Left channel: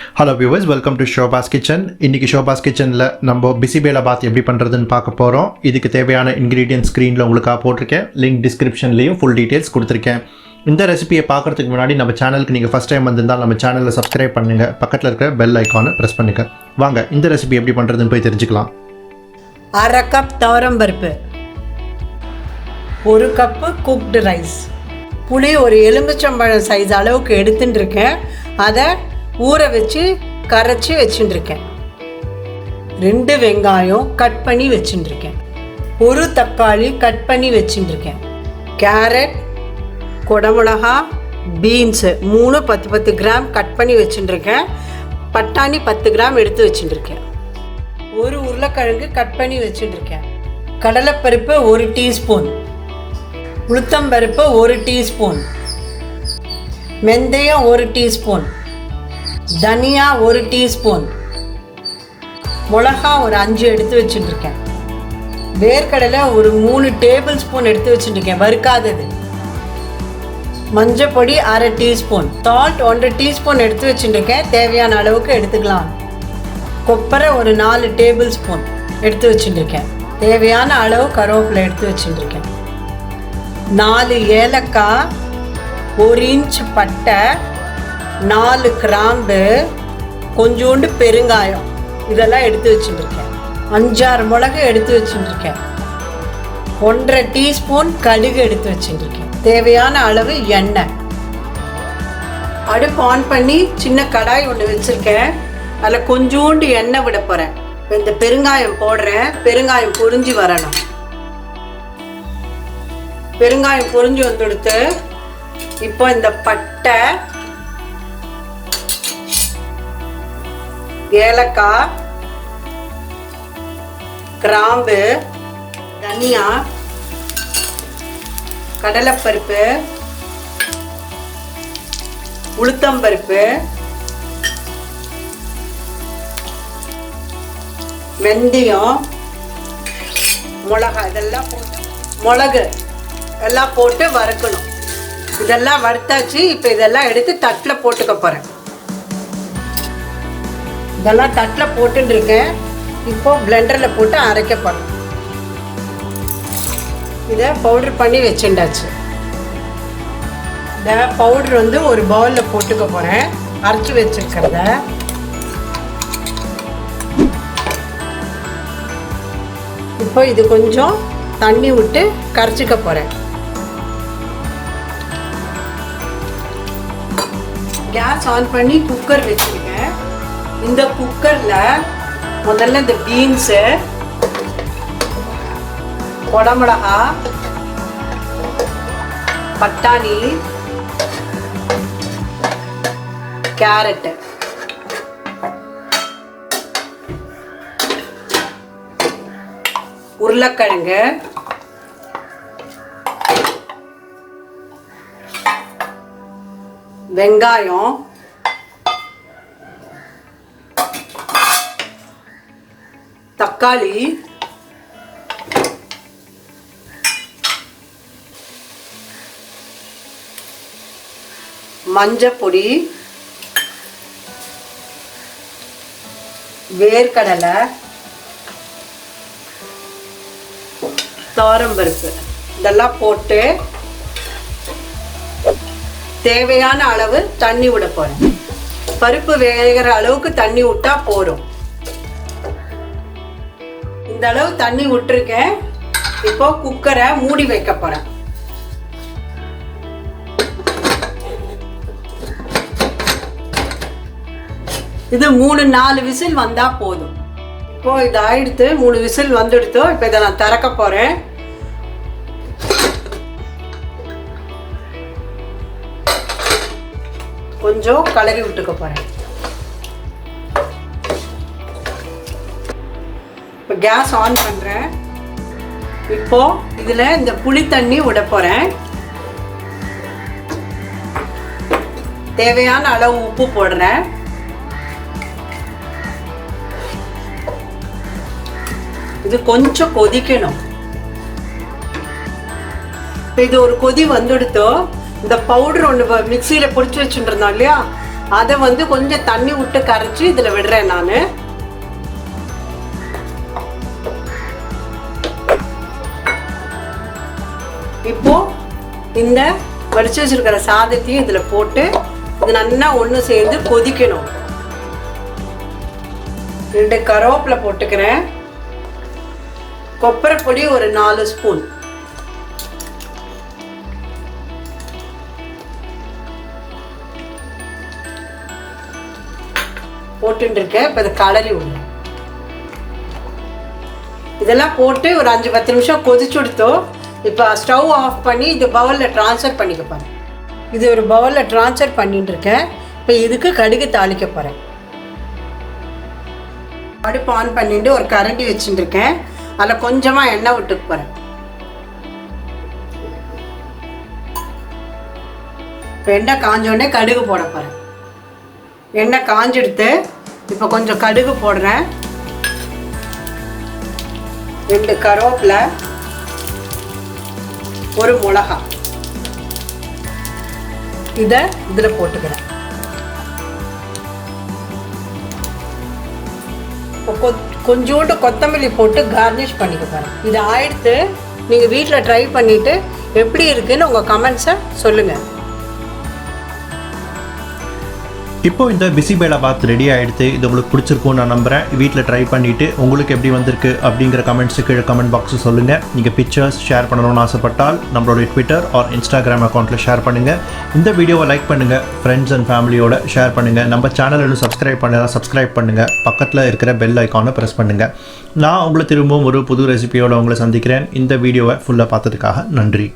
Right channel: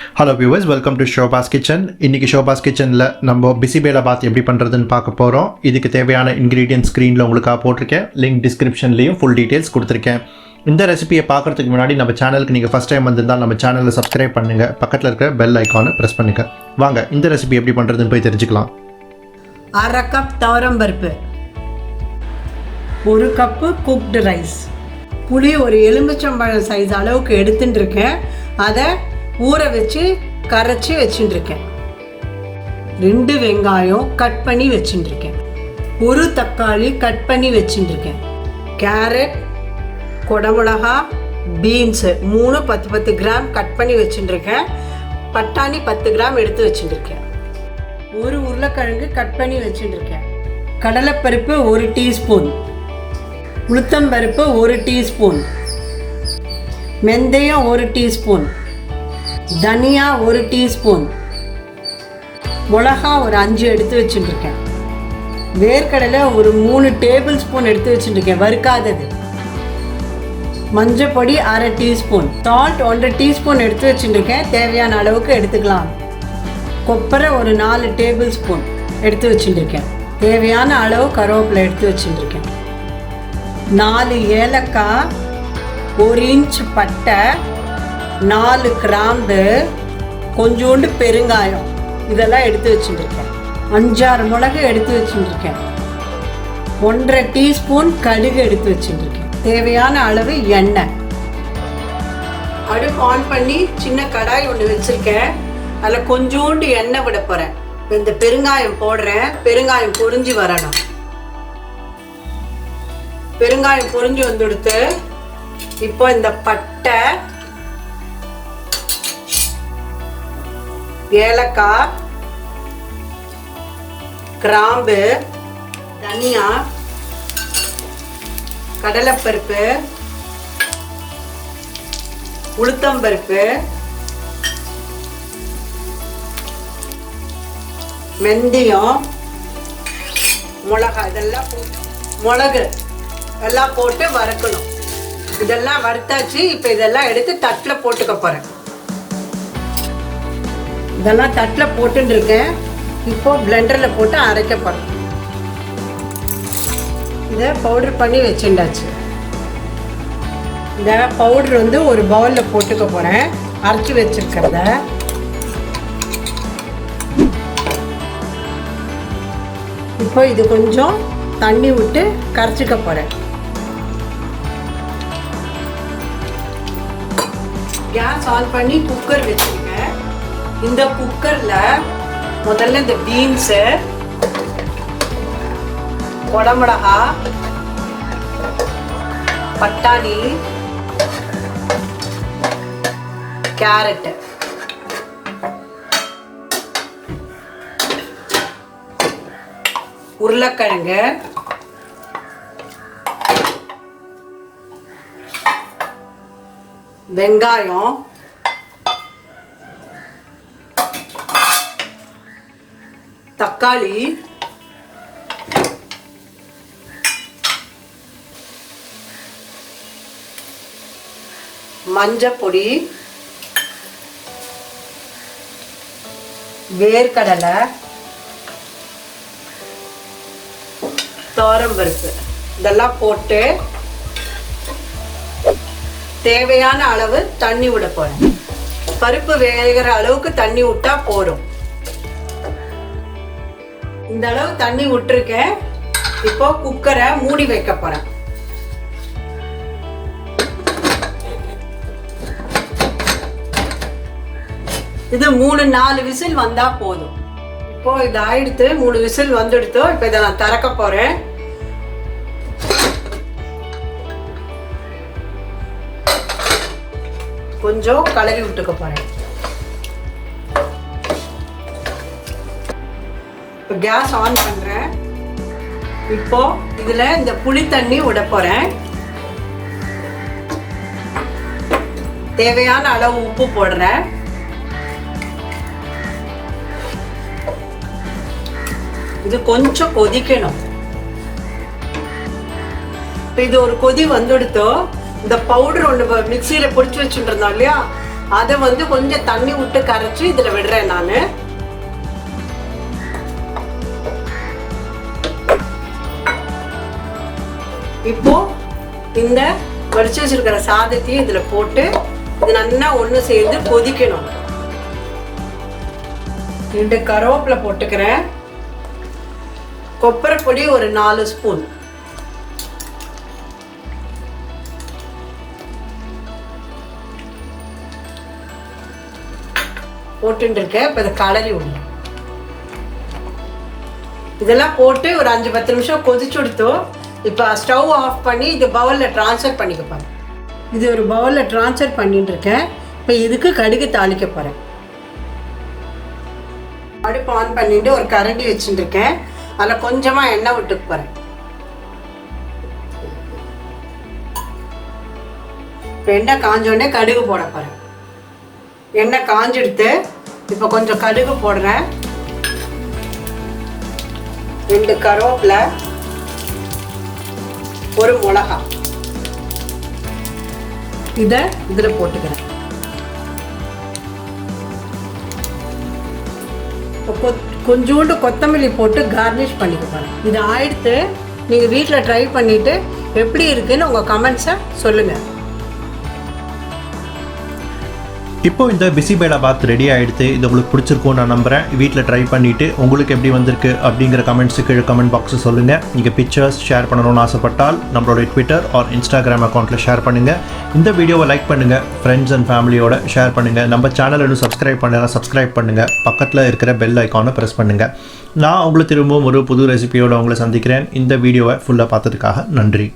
Hello viewers, welcome to Shoba's kitchen. இன்றைக்கி ஷோபாஸ் கிச்சனில் நம்ம பிசிபேலாபாத் எப்படி பண்ணுறதுன்னு பார்க்க போகிறோம். இதுக்கு தேவையான இன்க்ரீடியன்ட் ஸ்க்ரீனில் உங்களுக்காக போட்டிருக்கேன். லிங்க் டிஸ்கிரிப்ஷன்லேயும் ஃபுல் டீட்டெயில்ஸ் கொடுத்துருக்கேன். இந்த ரெசிபியை பார்க்குறதுக்கு முன்னாடி நம்ம சேனலுக்கு நீங்கள் ஃபஸ்ட் டைம் வந்திருந்தால் நம்ம சேனலில் சப்ஸ்கிரைப் பண்ணுங்கள். பக்கத்தில் இருக்கிற பெல் ஐக்கானை ப்ரெஸ் பண்ணுங்கள். வாங்க இந்த ரெசிபி எப்படி பண்ணுறதுன்னு போய் தெரிஞ்சுக்கலாம். 1/2 கப் துவரம் பருப்பு, 1 கப்பு குக்டு ரைஸ், புளி ஒரு எலுமிச்சம்பழம் சைஸ் அளவுக்கு எடுத்துட்டு இருக்கேன். அதை ஊற வச்சு கரைச்சி வச்சுட்டுருக்கேன். 2 வெங்காயம் கட் பண்ணி வச்சுட்டுருக்கேன். 1 தக்காளி கட் பண்ணி வச்சுட்டுருக்கேன். கேரட், குடமிளகா, பீன்ஸு 3 10 கிராம் கட் பண்ணி வச்சுட்டுருக்கேன். பட்டாணி 10 கிராம் எடுத்து வச்சுட்டுருக்கேன். 1 உருளைக்கிழங்கு கட் பண்ணி வச்சுட்டுருக்கேன். கடலைப்பருப்பு 1 டீஸ்பூன், உளுத்தம்பருப்பு 1 டீஸ்பூன், வெந்தயம் 1 டீஸ்பூன், தனியா 1 டீஸ்பூன், மிளகா ஒரு 5 எடுத்து வச்சுட்டுருக்கேன். வேர்க்கடலை ஒரு 3 டேபிள் ஸ்பூன் எடுத்து வச்சுட்டுருக்கேன், வறுக்காதது. மஞ்சள் பொடி 1/2 டீஸ்பூன், சால்ட் 1 டீஸ்பூன் எடுத்து வச்சுட்டுருக்கேன். தேவையான அளவுக்கு எடுத்துக்கலாம். கொப்பரை ஒரு 4 டேபிள் ஸ்பூன் எடுத்து வச்சுட்டுருக்கேன். தேவையான அளவு கருவேப்பிலை எடுத்து வச்சுட்டுருக்கேன். 4 ஏலக்காய், 1 இன்ச் பட்டை, 4 கிராம்பு, கொஞ்சோண்டு பெருங்காயம், இதெல்லாம் எடுத்து வச்சுட்டுருக்கேன். 5-6 மிளகு எடுத்து வச்சுட்டுருக்கேன். 1/2 டீஸ்பூன் கடுகு எடுத்து வச்சுட்டுருக்கேன். தேவையான அளவு எண்ணெய். அடுப்பு ஆன் பண்ணி சின்ன கடாய் ஒன்று வச்சுருக்கேன். அதில் கொஞ்சோண்டு எண்ணெய் விட போகிறேன். இந்த பெருங்காயம் போடுறேன். பெருங்காயம் பொரிஞ்சு வரணும். பெருங்காயம் பொரிஞ்சு வந்துடுத்து. இப்போ இந்த பட்டை, ஏலக்காய், கிராம்பு, தனியா, கடலைப்பருப்பு, உளுத்தம்பருப்பு, வெந்தயம், மிளகாய், இதெல்லாம் போட்டு மிளகு எல்லாம் போட்டு வறுக்கணும். இதெல்லாம் வறுத்தாச்சு. இப்போ இதெல்லாம் எடுத்து தட்டில் போட்டுக்க போகிறேன். இதெல்லாம் தட்டில் போட்டுட்டு இருக்கேன். இப்போ பிளெண்டரில் போட்டு அரைக்க போகிறேன். இதை பவுடர் பண்ணி வச்சுட்டாச்சு. இந்த பவுடர் வந்து ஒரு பவுலில் போட்டுக்க போகிறேன். அரைச்சி வச்சுருக்கிறத இப்போ இது கொஞ்சம் தண்ணி விட்டு கரைச்சிக்க போகிறேன். கேஸ் ஆன் பண்ணி குக்கர் வச்சுருக்கேன். இந்த குக்கரில் முதல்ல இந்த பீன்ஸு, குடமிளகா, பட்டாணி, கேரட்டு, உருளைக்கிழங்கு, வெங்காயம், தக்காளி, மஞ்சள் பொடி, வேர்க்கடலை, துவரம் பருப்பு, இதெல்லாம் போட்டு தேவையான அளவு தண்ணி விட போறேன். பருப்பு வேகிற அளவுக்கு தண்ணி விட்டா போதும். இந்த அளவு தண்ணி விட்டுருக்கேன். இப்போ குக்கரை மூடி வைக்க போறேன். இது 3-4 விசில் வந்தா போதும். இப்போ இது ஆயிடுத்து. 3 விசில் வந்துடுத்தோ. இப்போ இதை நான் திறக்க போறேன். கொஞ்சம் கலரி விட்டுக்க போறேன். இப்போ கேஸ் ஆன் பண்றேன். இப்போ இதுல இந்த புளி தண்ணி விட போறேன். தேவையான அளவு உப்பு போடுறேன். இது கொஞ்சம் கொதிக்கணும். இது ஒரு கொதி வந்துடுத்தோ. இந்த பவுடர் ஒன்று மிக்சியில் பொடிச்சு வச்சுருந்தோம் இல்லையா, அதை வந்து கொஞ்சம் தண்ணி விட்டு கரைச்சி இதில் விடுறேன் நான். இப்போ இந்த வடிச்சு வச்சிருக்கிற சாதத்தையும் இதில் போட்டு இது நல்லா ஒன்று சேர்ந்து கொதிக்கணும். 2 கருவேப்பிலை போட்டுக்கிறேன். கொப்பரை பொடி ஒரு 4 ஸ்பூன். போட்டுருக்கேன். இப்போ இதை கலரி விடலாம். இதெல்லாம் போட்டு ஒரு 5-10 நிமிஷம் கொதிச்சு விடுத்தோம். இப்போ ஸ்டவ் ஆஃப் பண்ணி இது பவுலில் ட்ரான்ஸ்ஃபர் பண்ணிக்க போகிறேன். இது ஒரு பவுலில் ட்ரான்ஸ்ஃபர் பண்ணிட்டு இருக்கேன். இப்போ இதுக்கு கடுகு தாளிக்க போகிறேன். அடுப்பு ஆன் பண்ணிட்டு ஒரு கரண்டி வச்சுட்டு இருக்கேன். அதில் கொஞ்சமாக எண்ணெய் விட்டு போகிறேன். இப்போ எண்ணெய் காஞ்சோடனே கடுகு போட போகிறேன். எண்ணெய் காஞ்செடுத்து இப்போ கொஞ்சம் கடுகு போடுறேன். 2 கருவேப்பிலை, 1 மிளகாய் இதை இதில் போட்டுக்கிறேன். இப்போ கொஞ்சோண்டு கொத்தமல்லி போட்டு கார்னிஷ் பண்ணிக்கிறேன். இது ஆயிடுத்து. நீங்கள் வீட்டில் ட்ரை பண்ணிவிட்டு எப்படி இருக்குன்னு உங்கள் கமெண்ட்ஸை சொல்லுங்கள். இப்போ இந்த பிசிபேலாபாத் ரெடி ஆகிடுது. இது உங்களுக்கு பிடிச்சிருக்கும்னு நான் நம்புகிறேன். வீட்டில் ட்ரை பண்ணிவிட்டு உங்களுக்கு எப்படி வந்திருக்கு அப்படிங்கிற கமெண்ட்ஸுக்கு கமெண்ட் பாக்ஸில் சொல்லுங்கள். நீங்கள் பிக்சர்ஸ் ஷேர் பண்ணணும்னு ஆசைப்பட்டால் நம்மளோட ட்விட்டர் ஆர் இன்ஸ்டாகிராம் அக்கௌண்ட்டில் ஷேர் பண்ணுங்கள். இந்த வீடியோவை லைக் பண்ணுங்கள், ஃப்ரெண்ட்ஸ் அண்ட் ஃபேமிலியோட ஷேர் பண்ணுங்கள். நம்ம சேனல் இன்னும் சப்ஸ்கிரைப் பண்ணலாம், சப்ஸ்கிரைப் பண்ணுங்கள். பக்கத்தில் இருக்கிற பெல் ஐக்கானை ப்ரெஸ் பண்ணுங்கள். நான் உங்களை திரும்பவும் ஒரு புது ரெசிபியோடு உங்களை சந்திக்கிறேன். இந்த வீடியோவை ஃபுல்லாக பார்த்ததுக்காக நன்றி.